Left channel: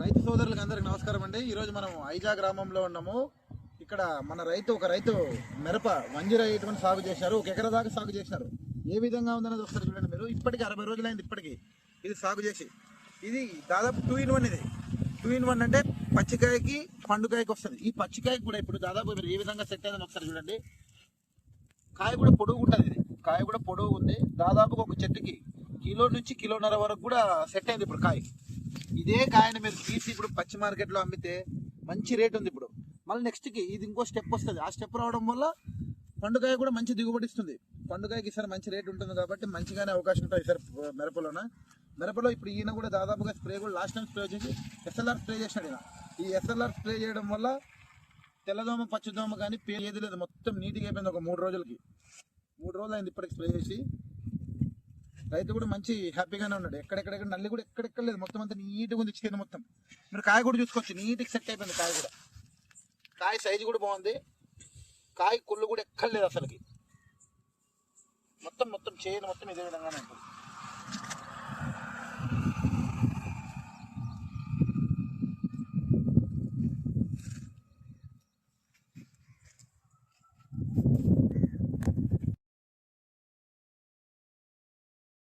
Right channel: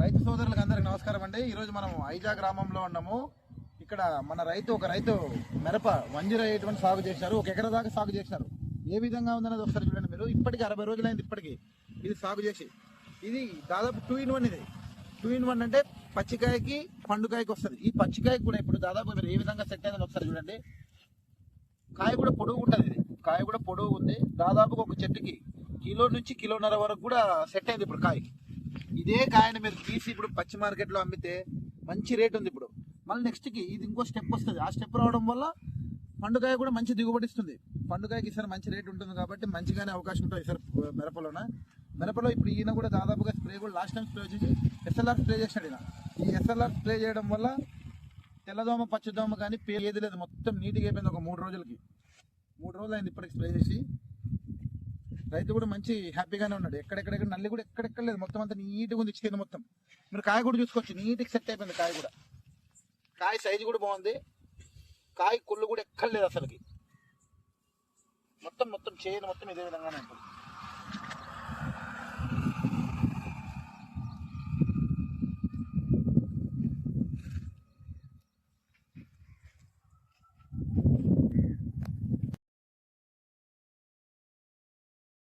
రైతు సోదరులకు అందరికి నమస్కారం అండి. ఈరోజు మనం ఐజా గ్రామంలో ఉన్నాము. ఇక్కడ మన ఒక రైతు మిరప 108 సాగు చేసినారు. 1 ఎకరా దాకా సాగు చేసినారు. ఏ విధంగా ఉందనేది ఒకసారి చూడండి మీరు. ఇప్పటికి 60 రోజులైంది ఇప్పటికి ఇది సాగు చేసి. ఇది దాదాపు 2-in-1. ఇది 2-in-1 అంటే పచ్చికాయకి పండుకాయకి వస్తుంది. ఈ పచ్చికాయకి కూడా ఇప్పుడు దాదాపు మీరు ఏ విధంగా సెట్ అయిందని ఒకసారి చూడండి. కాయ కూడా పొడుగు ఉంటుంది. ఇది కాయ కూడా పొడుగు ఉంది. దాదాపు ఒక చెట్టుకి 1 నుంచి 1.5 కిలోల వరకు కూడా సెట్ అయింది ఇప్పుడు కాయ. ఇదే కాయని మీరు తీసి ఇప్పుడు పచ్చి మార్కెట్లో అమ్మితే మంచి రేట్ ఉంది. ఇప్పుడు మళ్ళీ నెక్స్ట్కి ఇది ఇంకో స్టెప్ వస్తుంది. ఆ స్టెప్ రావడం వల్ల పండుకాయ కూడా మంచి దిగుబడి ఇస్తుంది. పండుకాయకి ఈసారి మంచి రేట్ ఉంటుంది కాబట్టి మంచిగానే అవకాశం ఉంటుంది ఈసారి మిరపలో. ఇప్పుడు ఈయన కూడా దాదాపుగా స్ప్రే కూడా లాస్ట్ టైం స్ప్రే వచ్చేసి ఎస్ఎల్ఆర్ స్ప్రే చేసినాడు. ఈ ఎస్ఎల్ఆర్ స్ప్రే చేయడం వల్ల తెల్లదోమ పచ్చిదోమ కానీ ఏది లేదు, మొత్తం నీట్గా అయిపోయింది. ఒక 3 రోజులకి 3 రోజులు అయింది ఇప్పటికి స్ప్రే చేసి. రైతు కూడా మంచి హ్యాపీగానే ఉన్నాడు. ఎక్కడెక్కడ నల్లి కూడా ఎక్కడెక్కడ లేదు, మొత్తం అంతా నీట్గా ఉంది. చికెన్ మొత్తం మీరు కాయ కూడా చూసుకోవచ్చు, నీట్గా సెట్ అయిపోయింది కాయ కూడా. కాయ సైజు కూడా బాగుంది. కాయ కుళ్ళు కూడా ఎక్కడ లేదు అసలుకి. మొత్తం చేయను మొత్తం ఇదే విధంగానే ఉంటుంది.